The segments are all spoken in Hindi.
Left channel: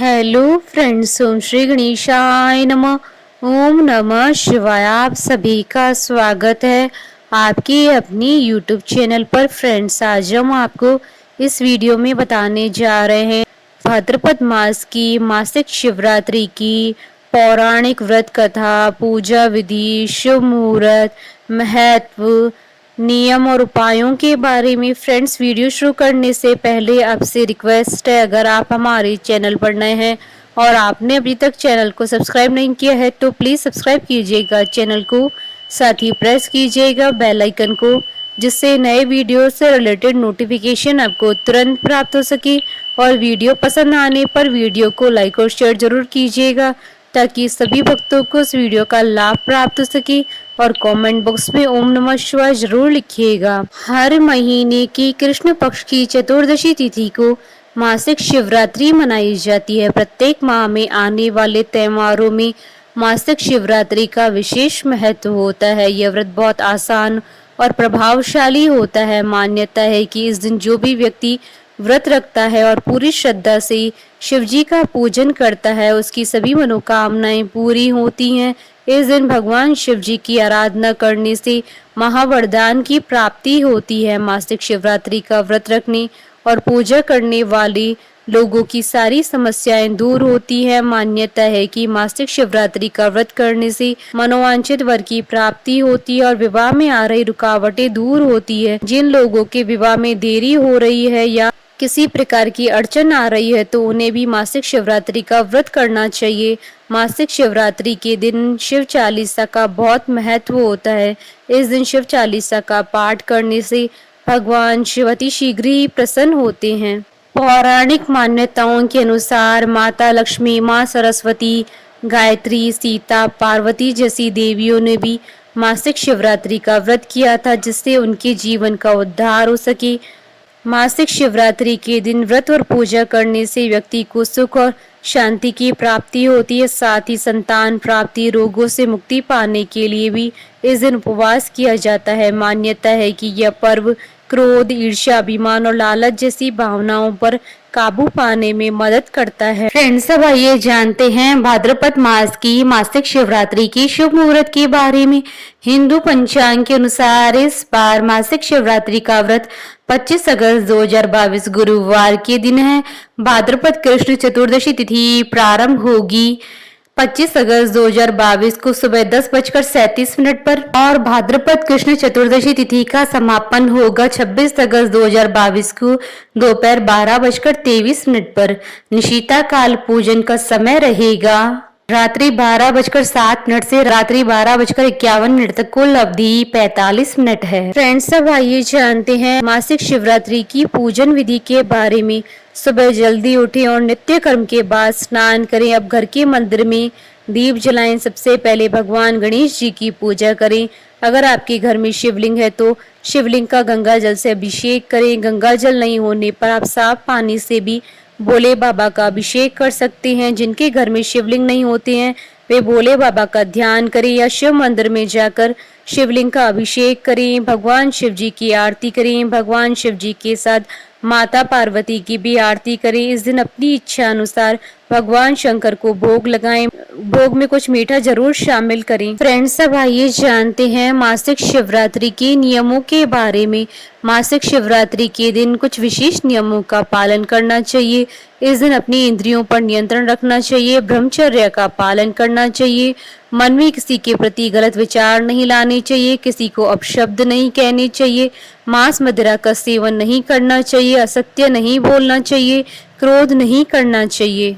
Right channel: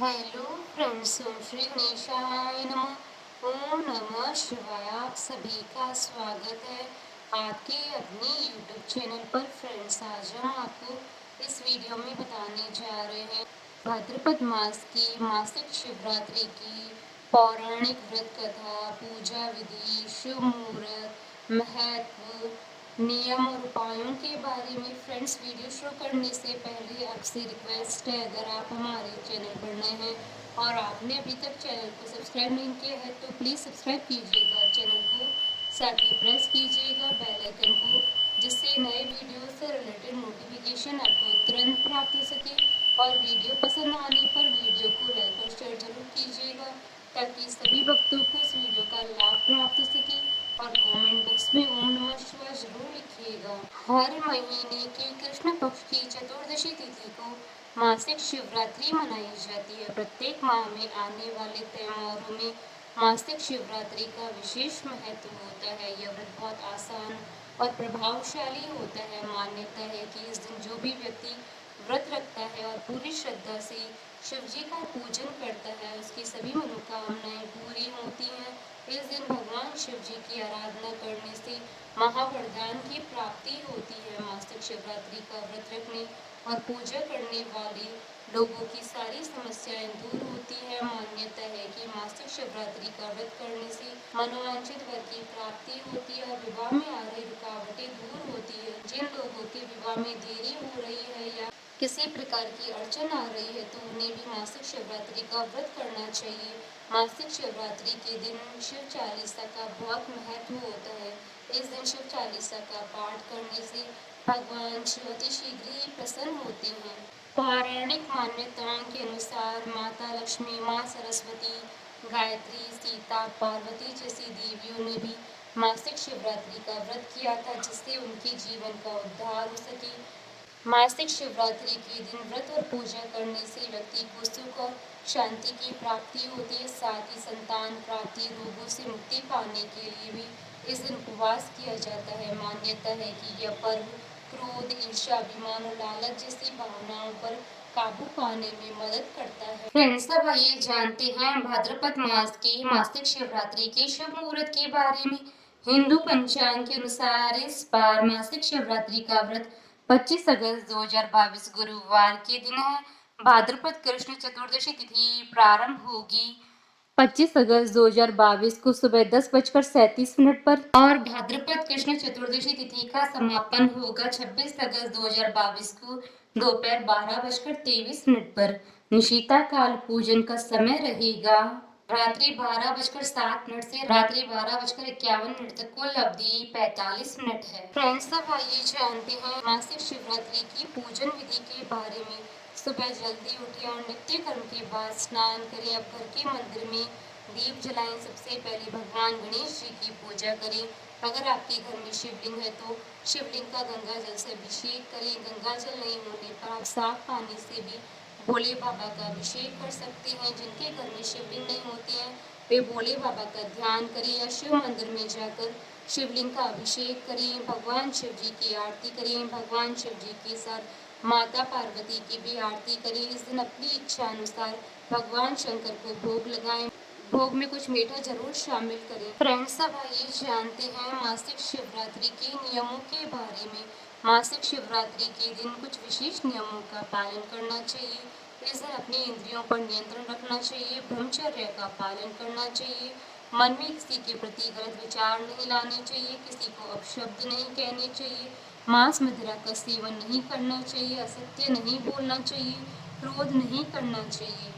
हेलो फ्रेंड्स, ओम श्री गणेशाय नमः। ओम नमः शिवाय। आप सभी का स्वागत है आपके अपनी यूट्यूब चैनल पर। फ्रेंड्स, आज हम आपको इस वीडियो में बताने जा रहे हैं भाद्रपद मास की मासिक शिवरात्रि की पौराणिक व्रत कथा, पूजा विधि, शुभ मुहूर्त, महत्व, नियम और उपायों के बारे में। फ्रेंड्स, वीडियो शुरू करने से पहले आपसे रिक्वेस्ट है, अगर आप हमारे चैनल पर नए हैं और आपने अभी तक चैनल को सब्सक्राइब नहीं किया है तो प्लीज़ सब्सक्राइब कीजिएगा चैनल को, साथ ही प्रेस कीजिएगा बेल आइकन को, जिससे नए वीडियो से रिलेटेड नोटिफिकेशन आपको तुरंत प्राप्त हो सके। और वीडियो पसंद आने पर वीडियो को लाइक और शेयर जरूर कीजिएगा ताकि सभी भक्तों को इस वीडियो का लाभ प्राप्त हो सके। और कमेंट बॉक्स में ओम नमः शिवाय जरूर लिखिएगा। हर महीने की कृष्ण पक्ष की चतुर्दशी तिथि को मासिक शिवरात्रि मनाई जाती है। प्रत्येक माह में आने वाले त्योहारों में मासिक शिवरात्रि का विशेष महत्व होता है। यह व्रत बहुत आसान और प्रभावशाली होता है। मान्यता है कि इस दिन जो भी व्यक्ति व्रत रखता है और पूरी श्रद्धा से शिव जी का पूजन करता है, उसकी सभी मनोकामनाएं पूरी होती हैं। इस दिन भगवान शिव जी की आराधना करने से महावरदान की प्राप्ति होती है। मासिक शिवरात्रि का व्रत रखने और पूजा करने वाले लोगों की सारी समस्याएं दूर होती है। मान्यता है कि मासिक शिवरात्रि का व्रत करने से मनोवांछित वर की प्राप्ति होती है और विवाह में आ रही रुकावटें दूर होती है। जिन लोगों के विवाह में देरी हो रही है या किसी प्रकार की अड़चन आ रही है तो उन्हें भी मासिक शिवरात्रि का व्रत करना चाहिए। मासिक शिवरात्रि के दिन शिव चालीसा का बहुत महत्व होता है। इस दिन शिव चालीसा का पाठ करने से भगवान शिव अति शीघ्र ही प्रसन्न होते हैं। पौराणिक मान्यताओं के अनुसार माता लक्ष्मी, माँ सरस्वती, गायत्री, सीता, पार्वती जैसी देवियों ने भी मासिक शिवरात्रि का व्रत किया था, जिससे उनके जीवन का उद्धार हो सके। मासिक शिवरात्रि के दिन व्रत और पूजा करने से व्यक्ति को सुख और शांति की प्राप्ति होती है। साथ ही संतान प्राप्ति, रोगों से मुक्ति पाने के लिए भी इस दिन उपवास किया जाता है। मान्यता है कि यह पर्व क्रोध, ईर्ष्या, अभिमान और लालच जैसी भावनाओं पर काबू पाने में मदद करता है। फ्रेंड्स, अब आइए जानते हैं भाद्रपद मास की मासिक शिवरात्रि की शुभ मुहूर्त के बारे में। हिंदू पंचांग के अनुसार इस बार मासिक शिवरात्रि का व्रत 25 अगस्त 2022 गुरुवार के दिन है। भाद्रपद कृष्ण चतुर्दशी तिथि प्रारंभ होगी 25 अगस्त 2022 को सुबह 10:37 पर और भाद्रपद कृष्ण चतुर्दशी तिथि का समापन होगा 26 अगस्त 2022 को दोपहर 12:23 पर। निशिता काल पूजन का समय रहेगा रात्रि 12:07 से रात्रि 12:51 तक। कुल अवधि 45 मिनट है। फ्रेंड्स, अब आइए जानते हैं मासिक शिवरात्रि की पूजन विधि के बारे में। सुबह जल्दी उठें और नित्य कर्म के बाद स्नान करें। अब घर के मंदिर में दीप जलाएं। सबसे पहले भगवान गणेश जी की पूजा करें। अगर आपके घर में शिवलिंग है तो शिवलिंग का गंगा जल से अभिषेक करें। गंगा जल नहीं होने पर आप साफ पानी से भी भोले बाबा का अभिषेक कर सकते हैं। जिनके घर में शिवलिंग नहीं होते हैं वे भोले बाबा का ध्यान करें या शिव मंदिर में जाकर शिवलिंग का अभिषेक करें। भगवान शिव जी की आरती करें। भगवान शिव जी के साथ माता पार्वती की भी आरती करें। इस दिन अपनी इच्छा अनुसार भगवान शंकर को भोग लगाएं। भोग में कुछ मीठा जरूर शामिल करें। फ्रेंड्स, अब आइए जानते हैं मासिक शिवरात्रि के नियमों के बारे में। मासिक शिवरात्रि के दिन कुछ विशेष नियमों का पालन करना चाहिए। इस दिन अपनी इंद्रियों पर नियंत्रण रखना चाहिए। ब्रह्मचर्य का पालन करना चाहिए। मन में किसी के प्रति गलत विचार नहीं लाने चाहिए। किसी को अपशब्द नहीं कहने चाहिए। मांस मदिरा का सेवन नहीं करना चाहिए। असत्य नहीं बोलना चाहिए। क्रोध नहीं करना चाहिए।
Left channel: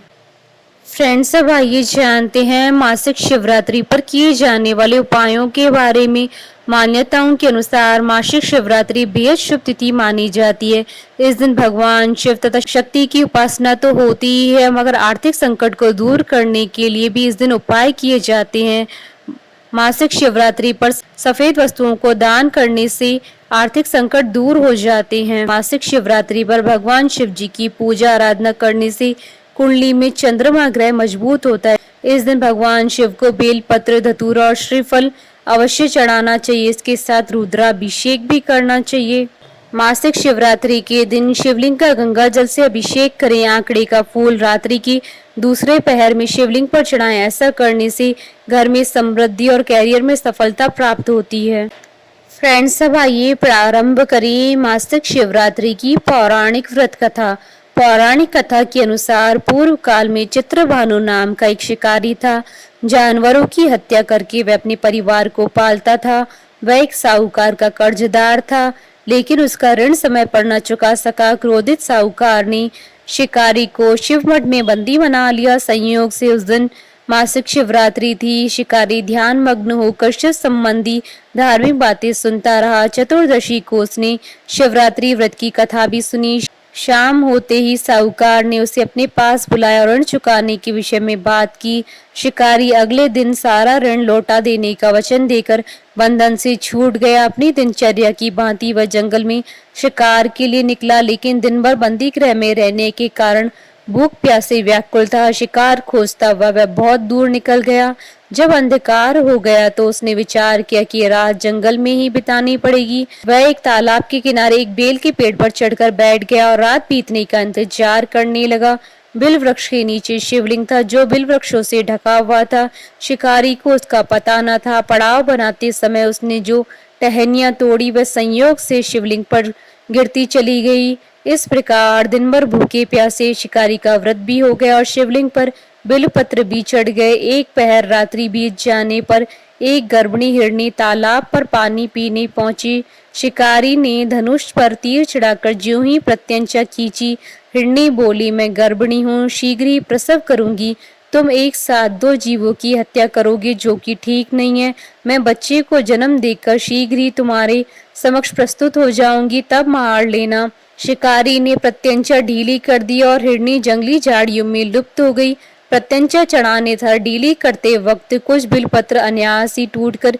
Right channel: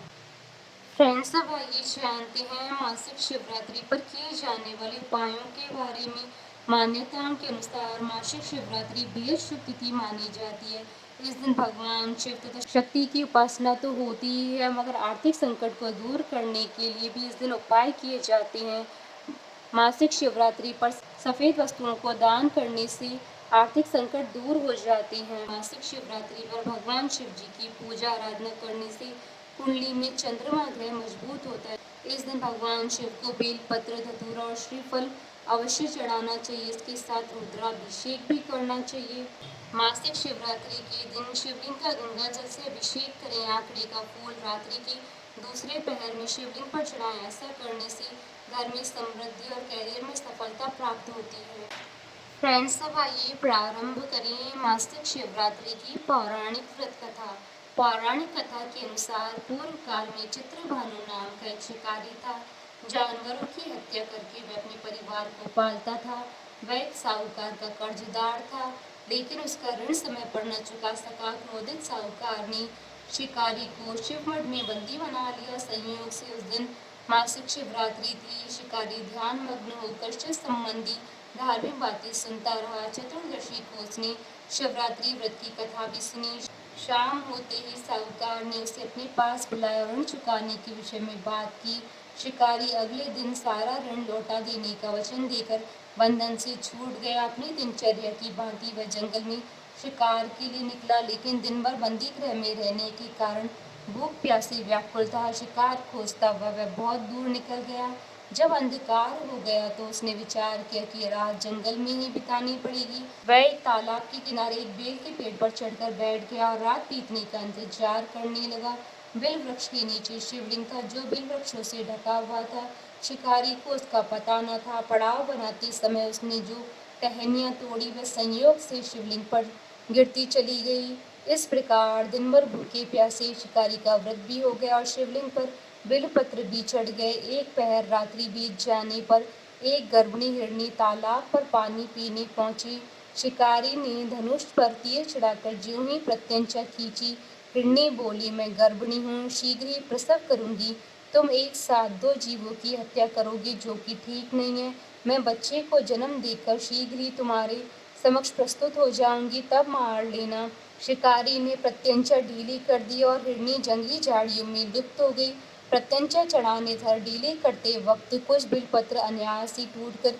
फ्रेंड्स, अब आइए जानते हैं मासिक शिवरात्रि पर किए जाने वाले उपायों के बारे में। मान्यताओं के अनुसार मासिक शिवरात्रि बेहद शुभ तिथि मानी जाती है। इस दिन भगवान शिव तथा शक्ति की उपासना तो होती ही है, मगर आर्थिक संकट को दूर करने के लिए भी इस दिन उपाय किए जाते हैं। मासिक शिवरात्रि पर सफेद वस्तुओं को दान करने से आर्थिक संकट दूर हो जाते हैं। मासिक शिवरात्रि पर भगवान शिव जी की पूजा आराधना करने से कुंडली में चंद्रमा ग्रह मजबूत होता है। इस दिन भगवान शिव को बेल पत्र, धतूरा और श्रीफल अवश्य चढ़ाना चाहिए। इसके साथ रुद्राभिषेक भी करना चाहिए। मासिक शिवरात्रि के दिन शिवलिंग का गंगा जल से अभिषेक करें। आंकड़े का फूल रात्रि की दूसरे पहर में शिवलिंग पर चढ़ाएं। ऐसा करने से घर में समृद्धि और कैरियर में सफलता प्राप्त होती है। फ्रेंड्स, अब आइए प्रारंभ करें मासिक शिवरात्रि की पौराणिक व्रत कथा। पौराणिक कथा के अनुसार पूर्व काल में चित्रभानु नाम का एक शिकारी था। जानवरों की हत्या करके वह अपने परिवार को पालता था। वह एक साहूकार का कर्जदार था, लेकिन उसका ऋण समय पर न चुका सका। क्रोधित साहूकार ने शिकारी को शिवमठ में बंदी बना लिया। संयोग से उस दिन मासिक शिवरात्रि थी। शिकारी ध्यान मग्न होकर शिव संबंधी धार्मिक बातें सुनता रहा। चतुर्दशी को उसने शिवरात्रि व्रत की कथा भी सुनी। शाम होते ही साहूकार ने उसे अपने पास बुलाया और ऋण चुकाने के विषय में बात की। शिकारी अगले दिन सारा ऋण लौटा देने का वचन देकर बंधन से छूट गया। अपनी दिनचर्या की भांति वह जंगल में शिकार के लिए निकला, लेकिन दिन भर बंदी गृह में रहने के कारण भूख प्यास से व्याकुल था। शिकार खोजता हुआ वह बहुत दूर निकल गया। जब अंधकार हो गया तो उसने विचार किया कि रात जंगल में ही बितानी पड़ेगी। वह एक तालाब के किनारे एक बेल के पेड़ पर चढ़कर बैठ गया और रात बीतने का इंतजार करने लगा। बिल वृक्ष के नीचे शिवलिंग था, जो बिल वृक्षों से ढका हुआ था। शिकारी को उसका पता न था। पड़ाव बनाते समय उसने जो टहनियां तोड़ी वह संयोग से शिवलिंग पर गिरती चली गई। इस प्रकार दिन भर भूखे प्यासे शिकारी का व्रत भी हो गया और शिवलिंग पर बिलपत्र भी चढ़ गए। एक पहर रात्रि बीत जाने पर एक गर्भिणी हिरनी तालाब पर पानी पीने पहुंची। शिकारी ने धनुष पर तीर चढ़ाकर ज्यों ही प्रत्यंचा खींची। हिरनी बोली, मैं गर्भिणी हूँ, शीघ्र ही प्रसव करूंगी। तुम एक साथ दो जीवों की हत्या करोगे, जो कि ठीक नहीं है। मैं बच्चे को जन्म देकर शीघ्र ही तुम्हारे समक्ष प्रस्तुत हो जाऊंगी, तब मार लेना। शिकारी ने प्रत्यंचा ढीली कर दी और हिरनी जंगली झाड़ियों में लुप्त हो गई। प्रत्यंचा चढ़ाने था। ढीली करते वक्त कुछ बिलपत्र अनायास ही टूटकर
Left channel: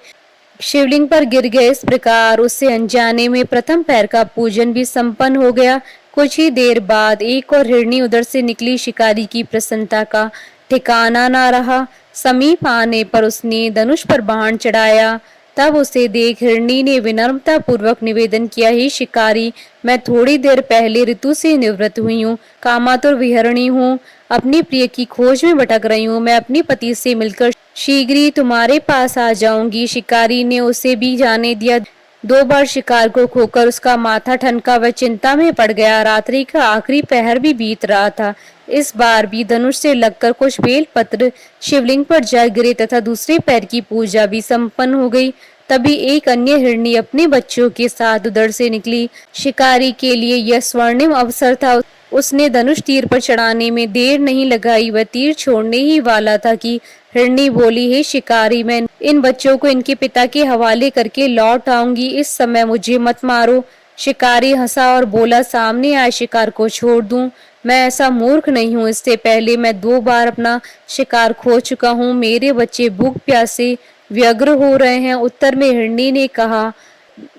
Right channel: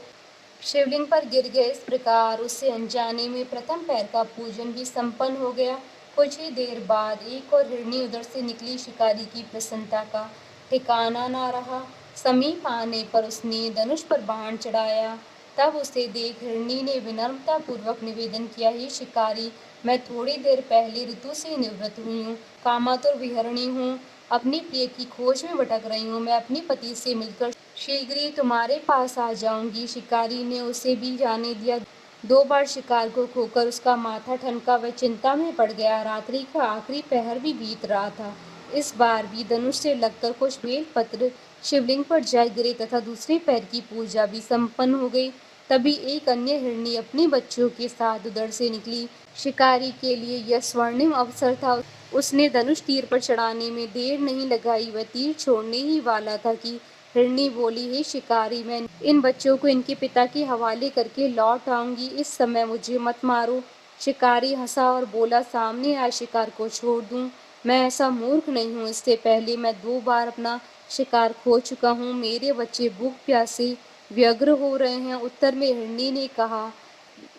शिवलिंग पर गिर गए। इस प्रकार उससे अनजाने में प्रथम पैर का पूजन भी संपन्न हो गया। कुछ ही देर बाद एक और हिरनी उधर से निकली। शिकारी की प्रसन्नता का ठिकाना न रहा। समीप आने पर उसने धनुष पर बाण चढ़ाया। तब उसे देख हिरनी ने विनम्रता पूर्वक निवेदन किया, हे शिकारी, मैं थोड़ी देर पहले ऋतु से निवृत्त हुई हूँ, कामातुर विहरणी हूँ, अपनी प्रिय की खोज में भटक रही हूँ। मैं अपनी पति से मिलकर शीघ्र ही तुम्हारे पास आ जाऊंगी। शिकारी ने उसे भी जाने दिया। 2 बार शिकार को खोकर उसका माथा ठनका। वह चिंता में पड़ गया। रात्रि का आखिरी पहर भी बीत रहा था। इस बार भी धनुष से लगकर कुछ बेल पत्र शिवलिंग पर जा गिरे तथा दूसरे पैर की पूजा भी संपन्न हो गई। तभी एक अन्य हिरनी अपने बच्चों के साथ उधर से निकली। शिकारी के लिए यह स्वर्णिम अवसर था। उसने धनुष तीर पर चढ़ाने में देर नहीं लगाई। वह तीर छोड़ने ही वाला था कि हिरनी बोली, हे शिकारी, मैं इन बच्चों को इनके पिता के हवाले करके लौट आऊंगी, इस समय मुझे मत मारो। शिकारी हंसा और बोला, सामने आए शिकार को छोड़ दूं? मैं ऐसा मूर्ख नहीं हूँ। इससे पहले मैं 2 बार अपना शिकार खो चुका हूँ। मेरे बच्चे भूख प्यास से व्यग्र हो रहे हैं। उत्तर में हिरनी ने कहा,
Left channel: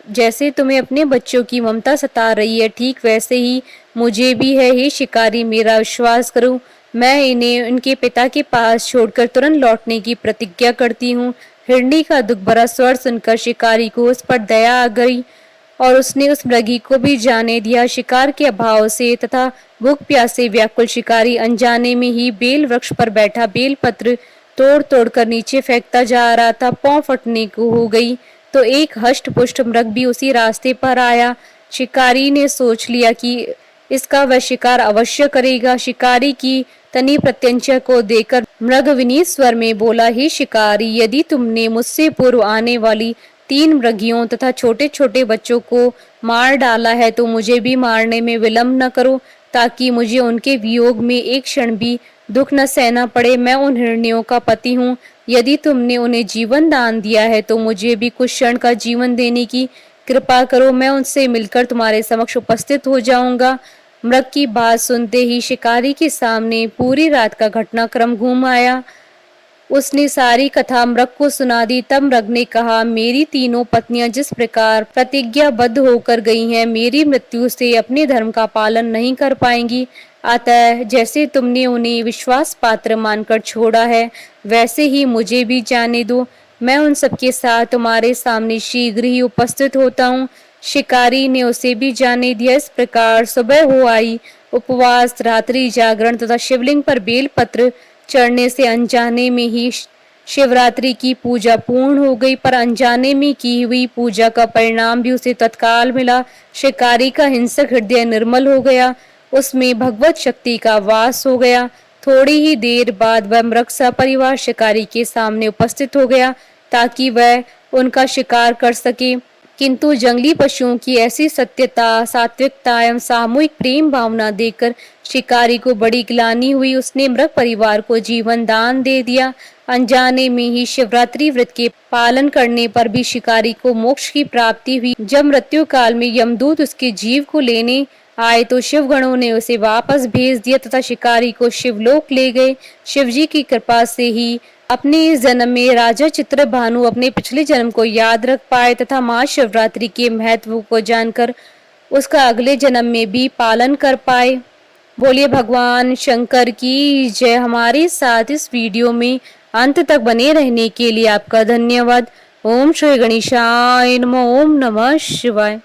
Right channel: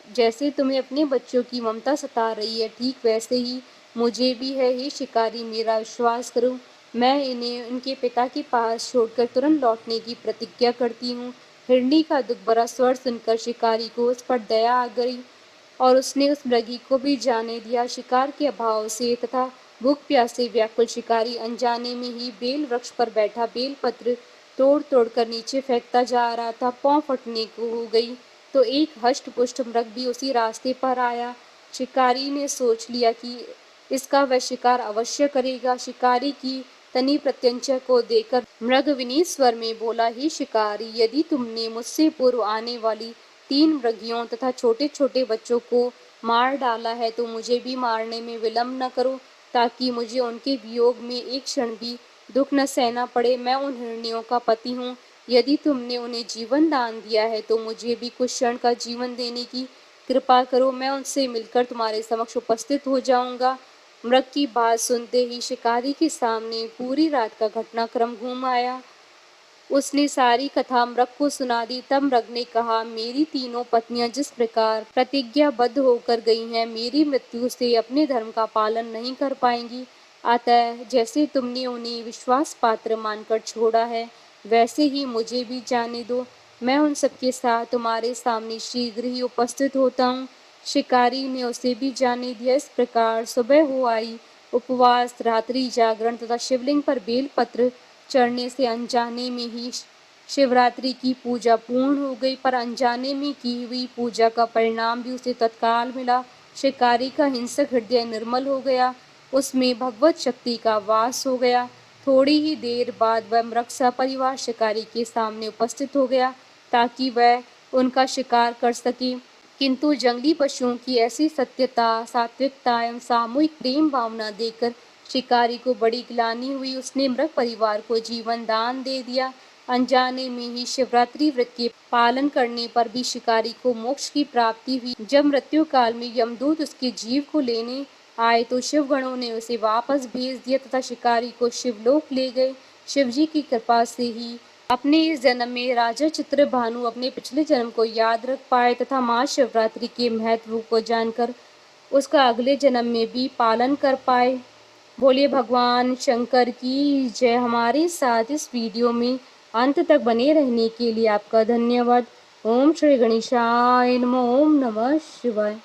जैसे तुम्हें अपने बच्चों की ममता सता रही है, ठीक वैसे ही मुझे भी है। हे शिकारी, मेरा विश्वास करो, मैं इन्हें उनके पिता के पास छोड़कर तुरंत लौटने की प्रतिज्ञा करती हूँ। हिरनी का दुख भरा स्वर सुनकर शिकारी को उस पर दया आ गई और उसने उस मृगी को भी जाने दिया। शिकार के अभाव से तथा भूख प्यास से व्याकुल शिकारी अनजाने में ही बेल वृक्ष पर बैठा बेल पत्र तोड़ तोड़ कर नीचे फेंकता जा रहा था। पांव फटने को हो गई तो एक हष्ट पुष्ट मृग भी उसी रास्ते पर आया। शिकारी ने सोच लिया कि इसका वह शिकार अवश्य करेगा। शिकारी की तनी प्रत्यंचा को देखकर मृग विनीत स्वर में बोला, हे शिकारी, यदि तुमने मुझसे पूर्व आने वाली 3 मृगियों तथा छोटे छोटे बच्चों को मार डाला है तो मुझे भी मारने में विलंब न करो, ताकि मुझे उनके वियोग में एक क्षण भी दुख न सहना पड़े। मैं उन हिरनियों का पति हूँ। यदि तुमने उन्हें जीवन दान दिया है तो मुझे भी कुछ क्षण का जीवन देने की कृपा करो। मैं उनसे मिलकर तुम्हारे समक्ष उपस्थित हो जाऊंगा। मृग की बात सुनते ही शिकारी के सामने पूरी रात का घटनाक्रम घूम आया। उसने सारी कथा मृग को सुना दी। तब मृग ने कहा, मेरी तीनों पत्नियां जिस प्रकार प्रतिज्ञाबद्ध होकर गई हैं, मेरी मृत्यु से अपने धर्म का पालन नहीं कर पाएंगी। अतः जैसे तुमने उन्हें विश्वास पात्र मानकर छोड़ा है, वैसे ही मुझे भी जाने दो। मैं उन सबके साथ तुम्हारे सामने शीघ्र ही उपस्थित होता हूँ। शिकारी ने उसे भी जाने दिया। इस प्रकार सुबह हो आई। उपवास, रात्रि जागरण तथा शिवलिंग पर बेलपत्र चढ़ने से अनजाने में ही शिवरात्रि की पूजा पूर्ण हो गई, पर अनजाने में की हुई पूजा का परिणाम भी उसे तत्काल मिला। शिकारी का हिंसक हृदय निर्मल हो गया, उसमें भगवत शक्ति का वास हो गया। थोड़ी ही देर बाद वह मृग सपरिवार शिकारी के सामने उपस्थित हो गया ताकि वह उनका शिकार कर सके। किंतु जंगली पशुओं की ऐसी सत्यता, सात्विकता एवं सामूहिक प्रेम भावना देखकर शिकारी को बड़ी ग्लानि हुई। उसने मृग परिवार को जीवन दान दे दिया। अनजाने में ही शिवरात्रि व्रत के पालन करने पर भी शिकारी को मोक्ष की प्राप्ति हुई। जब मृत्यु काल में यमदूत उसके जीव को लेने आए तो शिवगणों ने उसे वापस भेज दिया तथा शिकारी को शिवलोक ले गए। शिवजी की कृपा से ही अपने इस जन्म में राजा चित्रभानु अपने पिछले जन्म को याद रख पाए तथा महाशिवरात्रि के महत्व को जानकर उसका अगले जन्म में भी पालन कर पाए। बोलिए भगवान शंकर की जय। हमारे साथ इस वीडियो में अंत तक बने रहने के लिए आपका धन्यवाद। ओम श्री गणेशाय नमः। ओम नमः शिवाय।